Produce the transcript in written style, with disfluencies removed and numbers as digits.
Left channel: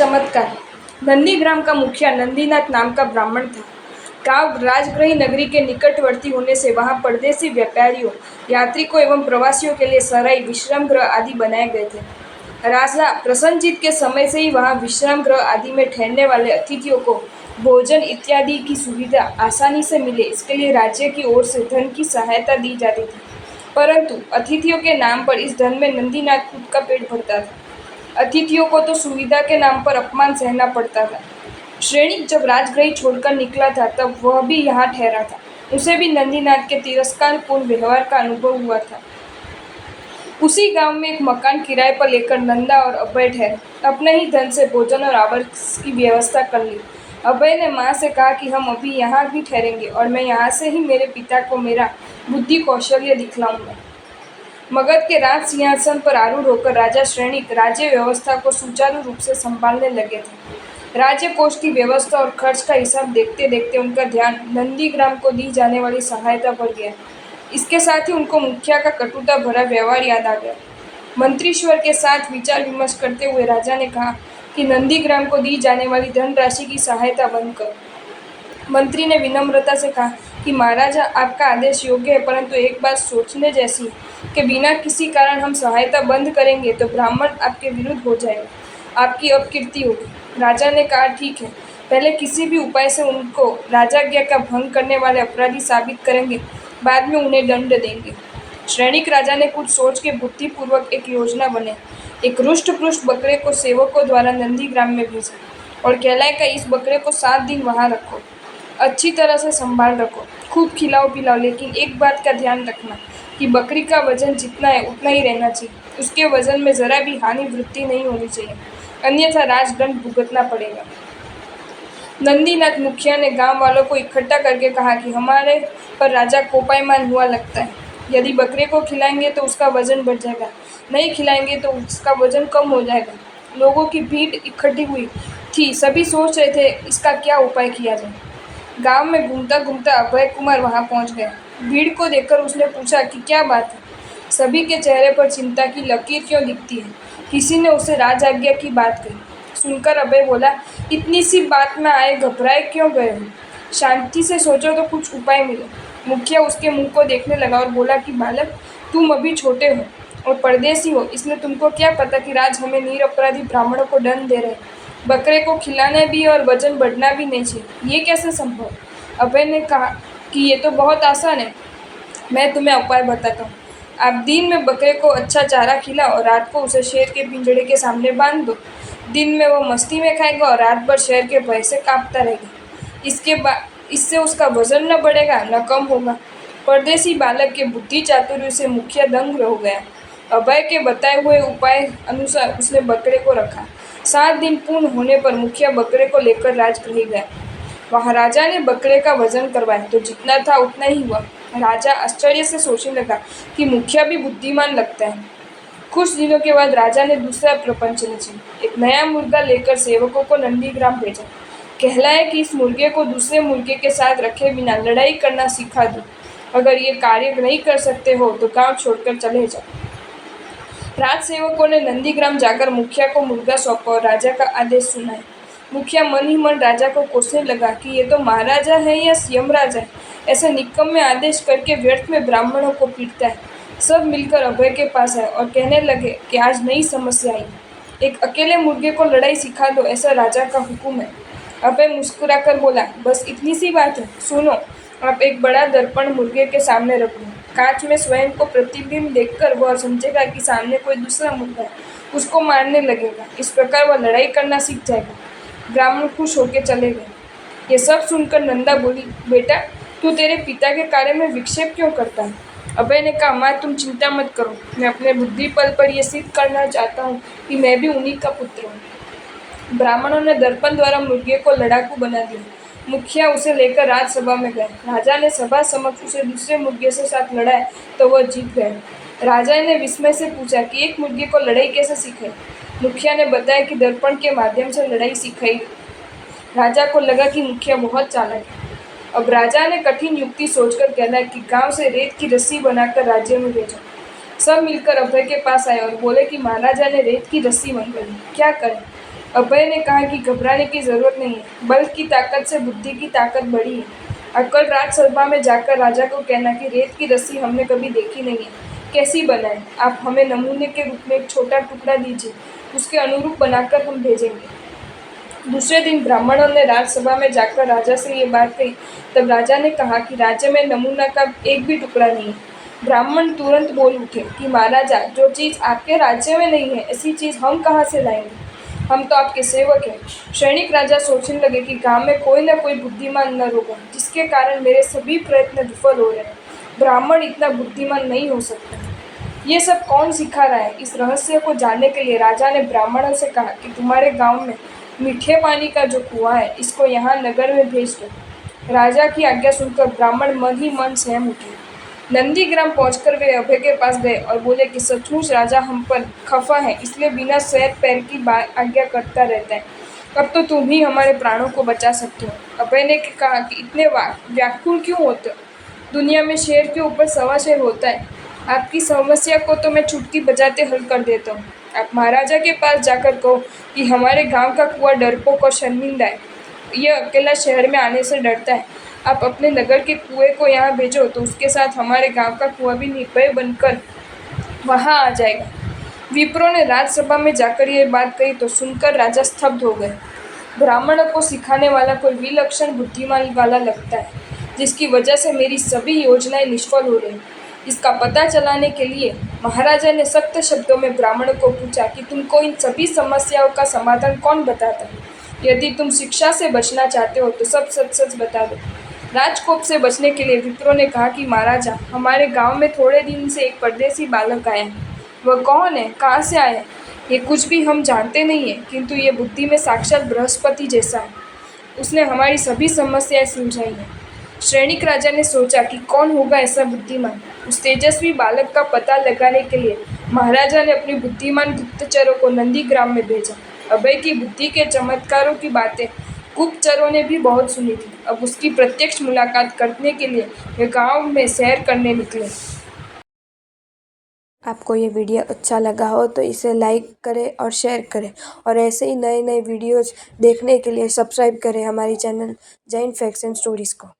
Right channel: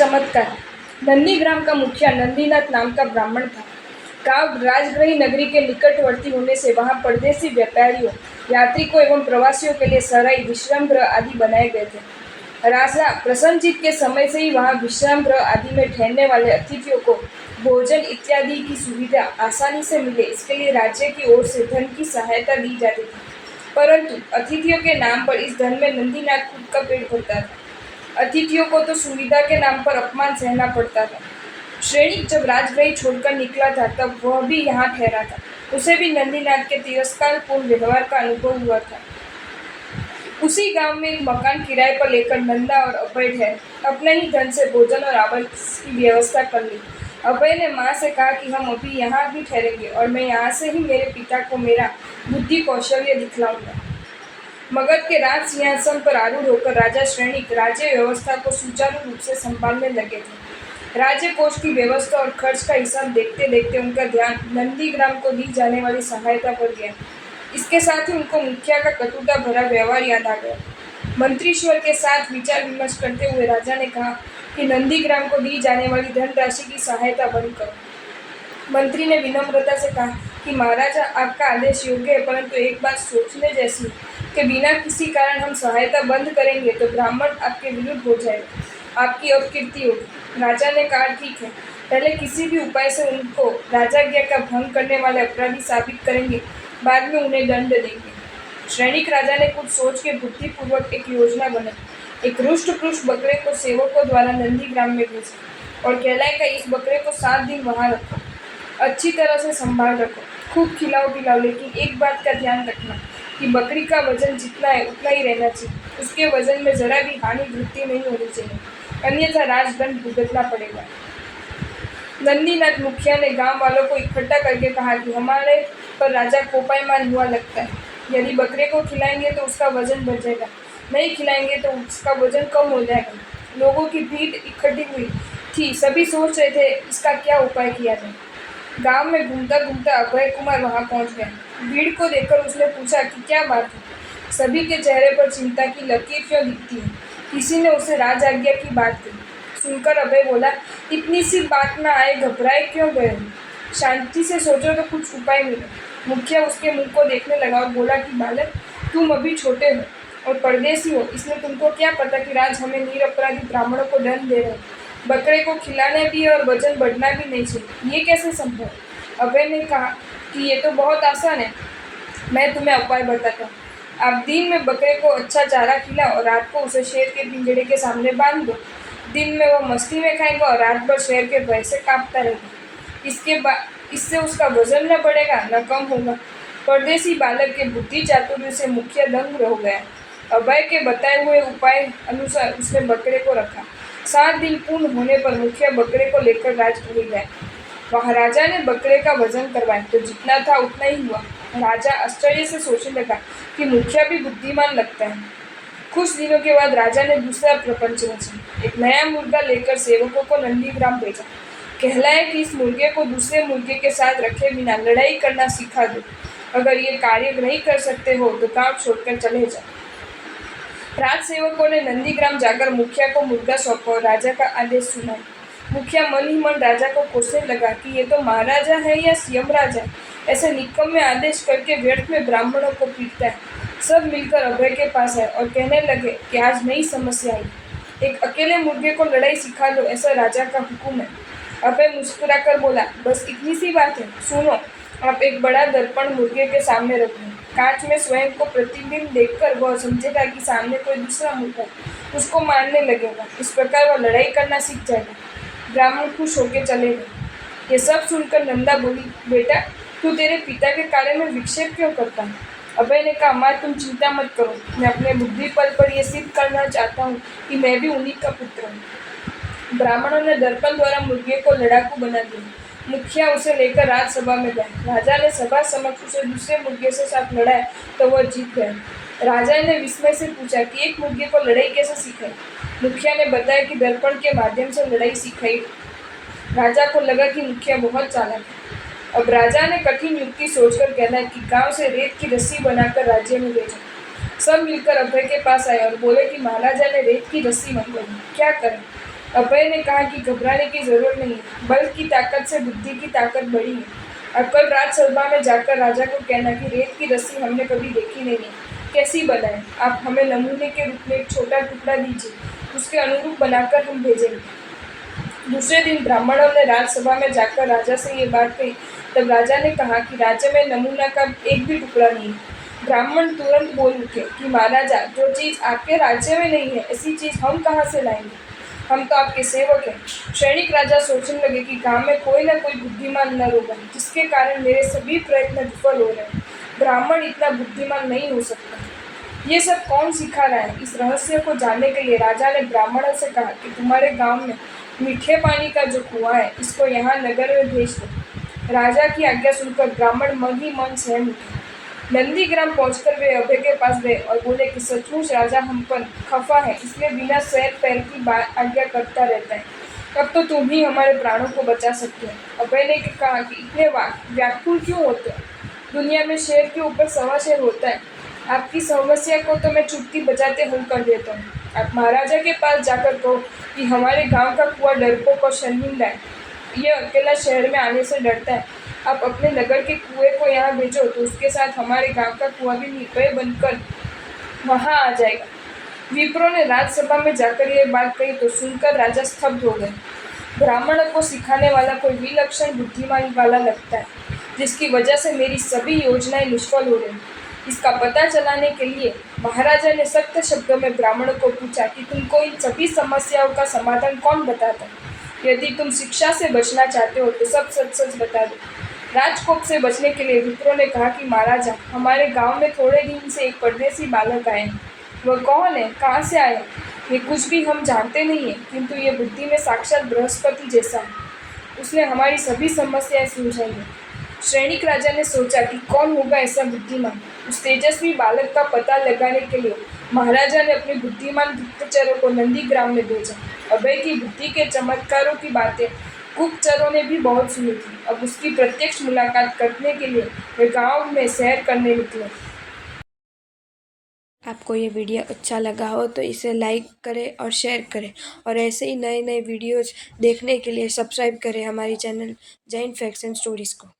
चमत्कार। नंदीग्राम का मुखिया नंदीनाथ नाम का ब्राह्मण था। गांव राजगृही नगरी के निकटवर्ती होने से वहां परदेसी व्यापारियों, यात्रिकों एवं प्रवासियों के लिए सराय, विश्राम गृह आदि बनाए गए थे। राजा प्रसन्नजीत के समय से ही वहां विश्राम गृह आदि में ठहरने वाले अतिथियों को भोजन इत्यादि की सुविधा आसानी से मिले, इसके लिए राज्य की ओर से धन की सहायता दी जाती थी। परंतु अतिथियों के नाम पर इस धन में नंदीनाथ खुद का पेट भरता था। अतिथियों को तो सुविधा के नाम पर अपमान सहना पड़ता था। श्रेणिक जब राजगृह छोड़कर निकला था तब वह भी यहाँ ठहरा था। उसे भी नंदीनाथ के तिरस्कारपूर्ण व्यवहार का अनुभव हुआ था। उसी गांव में एक मकान किराए पर लेकर नंदा और अभय ठहरे। अपने ही धन से भोजन और आवास की व्यवस्था कर ली। अभय ने माँ से कहा कि हम अभी यहाँ भी ठहरेंगे और मैं यहाँ से ही मेरे पिता को मेरा बुद्धि कौशल्य दिखलाऊंगा। मगध के राज सिंहासन पर आरूढ़ होकर राजा श्रेणिक राज्य व्यवस्था को सुचारू रूप से संभालने लगे थे। राज्य कोष की व्यवस्था और खर्च का हिसाब देखते देखते उनका ध्यान नंदीग्राम को दी जाने वाली सहायता पर गया। इसके साथ ही उनको मुखिया का कटुता भरा व्यवहार याद आ गया। मंत्रीश्वर के साथ विचार विमर्श करते हुए राजा ने कहा कि नंदीग्राम को दी जाने वाली धनराशि की सहायता बंद करो। मंत्री ने विनम्रता से कहा कि महाराजा, आपका आदेश योग्य है, परंतु एक बात सोचने जैसी कि बिना किसी कारण हम सहायता बंद करेंगे तो ब्राह्मण आपके विरुद्ध हो जाएगा, आपकी अपकीर्ति होगी। राजा ने कहा, ठीक है, पहले किसी भी उपाय से उनको राजाज्ञा का भंग करने वाले अपराधी साबित करेंगे, बाद में उन्हें दंड देंगे। श्रेणिक राजा ने कुछ सोच के बुद्धिपूर्वक एक योजना बनाई। एक रुष्ट पुष्ट बकरे को सेवकों द्वारा नंदीग्राम में भेजा और कहलाए कि इस बकरे को 7 दिन वहां रखो, अच्छी तरह से संभाल रखो, खूब खिलाओ पिलाओ, लेकिन एक बात का ध्यान रखना कि बकरी का वजन जितना है उतना ही रहना चाहिए। उसके वजन में जरा भी हानि वृद्धि नहीं होनी चाहिए, अन्यथा राजदंड भुगतना पड़ेगा। नंदीनाथ मुखिया ने गांव वालों को इकट्ठा करके कहा कि हमारे पर राजा कोपायमान हुआ लगता है। यदि बकरे को खिलाएंगे तो उसका वजन बढ़ जाएगा, नहीं खिलाएंगे तो उसका वजन कम हो जाएगा। लोगों की भीड़ इकट्ठी हुई थी, सभी सोच रहे थे इसका क्या उपाय किया जाए। गांव में घूमता घूमता अभय कुमार वहां पहुंच गया। भीड़ को देखकर उसने पूछा कि क्या बात है, सभी के चेहरे पर चिंता की लकीर क्यों दिखती है। किसी ने उसे राज आज्ञा की बात कही। सुनकर अभय बोला, इतनी सी बात में आए घबराए क्यों गए हो, शांति से सोचो तो कुछ उपाय मिले। मुखिया उसके मुंह को देखने लगा और बोला कि बालक, तुम अभी छोटे हो और परदेसी हो, इसलिए तुमको क्या पता कि राज हमें निरपराधी ब्राह्मणों को दंड दे रहे हैं। बकरे को खिलाना भी और वजन बढ़ना भी नहीं चाहिए, ये कैसे संभव। अभय ने कहा कि ये तो बहुत आसान है, मैं तुम्हें उपाय बताता हूँ। आप दिन में बकरे को अच्छा चारा खिलाओ और रात को उसे शेर के पिंजड़े के सामने बांध दो। दिन में वो मस्ती में खाएगा और रात भर शेर के भय से कांपता रहेगा। इससे उसका वजन न बढ़ेगा न कम होगा। परदेसी बालक के बुद्धि चातुर्य से मुखिया दंग हो गया। अभय के बताए हुए उपाय अनुसार उसने बकरे को रखा। 7 दिन पूर्ण होने पर मुखिया बकरे को लेकर राजगृह गया। वहाँ राजा ने बकरे का वजन करवाया तो जितना था उतना ही हुआ। राजा आश्चर्य से सोचने लगा कि मुखिया भी बुद्धिमान लगता है। कुछ दिनों के बाद राजा ने दूसरा प्रपंच रचा। एक नया मुर्गा लेकर सेवकों को नंदीग्राम भेजा। कहलाया कि इस मुर्गे को दूसरे मुर्गे के साथ रखे बिना लड़ाई करना सिखा दो। अगर ये कार्य नहीं कर सकते हो तो गांव छोड़कर चले जाओ। राजसेवकों ने नंदीग्राम जाकर मुखिया को मुर्गा सौंपा और राजा का आदेश सुनाया। मुखिया मन ही मन राजा को कोसने लगा कि ये तो महाराजा है या यमराजा है, ऐसे निकम्मे आदेश करके व्यर्थ में ब्राह्मणों को पीटता है। सब मिलकर अभय के पास आए और कहने लगे कि आज नई समस्या आई, एक अकेले मुर्गे को लड़ाई सिखा दो, ऐसा राजा का हुक्म है। अभय मुस्कुराकर बोला, बस इतनी सी बात है, सुनो। आप एक बड़ा दर्पण मुर्गे के सामने रख लो। कांच में स्वयं को प्रतिबिंब देखकर वह समझेगा कि सामने कोई दूसरा मुर्गा है, उसको मारने लगेगा। इस प्रकार वह लड़ाई करना सीख जाएगा। ब्राह्मण खुश होकर चले गए। ये सब सुनकर नंदा बोली, बेटा, तू तेरे पिता के कार्य में विक्षेप क्यों करता है। अभय ने कहा, माँ, तुम चिंता मत करो, मैं अपने बुद्धि बल पर यह सिद्ध करना चाहता हूँ कि मैं भी उन्हीं का पुत्र हूँ। ब्राह्मणों ने दर्पण द्वारा मुर्गे को लड़ाकू बना दिया। मुखिया उसे लेकर राजसभा में गए। राजा ने सभा समक्ष उसे दूसरे मुर्गे से साथ लड़ाया तो वह जीत गए। राजा ने विस्मय से पूछा कि एक मुर्गे को लड़ाई कैसे सिखाई। मुखिया ने बताया कि दर्पण के माध्यम से लड़ाई सिखाई। राजा को लगा कि मुखिया बहुत चालाक है। अब राजा ने कठिन युक्ति सोचकर कहला कि गांव से रेत की रस्सी बनाकर राज्य में भेजा। सब मिलकर अभय के पास आए और बोले कि महाराजा ने रेत की रस्सी मंगवाई, क्या करें। अभय ने कहा कि घबराने की जरूरत नहीं है, बल की ताकत से बुद्धि की ताकत बड़ी है। और कल राजसभा में जाकर राजा को कहना कि रेत की रस्सी हमने कभी देखी नहीं है, कैसी बनाए, आप हमें नमूने के रूप में एक छोटा टुकड़ा दीजिए, उसके अनुरूप बनाकर हम भेजेंगे। दूसरे दिन ब्राह्मणों ने राजसभा में जाकर राजा से ये बात कही। तब राजा ने कहा कि राज्य में नमूना का एक भी टुकड़ा नहीं है। ब्राह्मण तुरंत बोल उठे कि महाराजा, जो चीज आपके राज्य में नहीं है, ऐसी चीज हम कहाँ से लाएंगे? हम तो आपके सेवक हैं। सैनिक राजा सोचने लगे कि गांव में कोई ना कोई बुद्धिमान नर होगा, जिसके कारण मेरे सभी प्रयत्न विफल हो रहे हैं। ब्राह्मण इतना बुद्धिमान नहीं हो सकता। ये सब कौन सिखा रहा है? इस रहस्य को जानने के लिए राजा ने ब्राह्मणों से कहा कि तुम्हारे गांव में मीठे पानी का जो कुआं है, इसको यहाँ नगर में भेज दो। राजा की आज्ञा सुनकर ब्राह्मण मन ही मन सहम उठे। नंदीग्राम पहुंचकर वे अभय के पास गए और बोले कि सचमुच राजा हम पर खफा है, इसलिए बिना सैर पैर की आज्ञा करता रहता है। अब तो तुम ही हमारे प्राणों को बचा सकते हो। अभय ने कहा कि इतने व्याकुल क्यों होते हो? दुनिया में शेर के ऊपर सवा शेर होता है। आपकी समस्या को तो मैं चुटकी बजाते हल कर देता हूँ। आप महाराजा के पास जाकर कहो कि हमारे गांव का कुआं डरपोक और शर्मिंदा है, यह अकेला शहर में आने से डरता है। आप अपने नगर के कुएं को यहाँ भेजो तो उसके साथ हमारे गांव का कुआं भी निर्भय बनकर वहाँ आ जाएगा। विप्रों ने राजसभा में जाकर यह बात कही तो सुनकर राजा स्तब्ध हो गए। ब्राह्मणों को सिखाने वाला कोई विलक्षण बुद्धिमान वाला लगता है, जिसकी वजह से मेरी सभी योजनाएं निष्फल हो रही। इसका पता चलाने के लिए महाराजा ने सख्त शब्दों में ब्राह्मणों को पूछा कि तुमको इन सभी समस्याओं का समाधान कौन बताता है? यदि तुम शिक्षा से बचना चाहते हो तो सब सच सच बता दो। राजकोप से बचने के लिए विप्रो ने कहा कि महाराजा, हमारे गांव में थोड़े दिन से एक परदेसी बालक आया है। वह कौन है, कहाँ से आया, ये कुछ भी हम जानते नहीं है, किंतु ये बुद्धि में साक्षात बृहस्पति जैसा है। उसने हमारी सभी समस्याएं सुलझाई हैं। सैनिक राजा ने सोचा कि कौन होगा ऐसा बुद्धिमान। उस तेजस्वी बालक का पता लगाने के लिए महाराजा ने अपने बुद्धिमान गुप्तचरों को नंदीग्राम में भेजा। अभय की बुद्धि के चमत्कारों की बातें गुप्तचरों ने भी बहुत सुनी थी। अब उसकी प्रत्यक्ष मुलाकात करने के लिए वे गांव में सैर करने निकले। आपको ये वीडियो अच्छा लगा हो तो इसे लाइक करें और शेयर करें, और ऐसे ही नए नए वीडियोज़ देखने के लिए सब्सक्राइब करें हमारी channel Jain facts and stories को।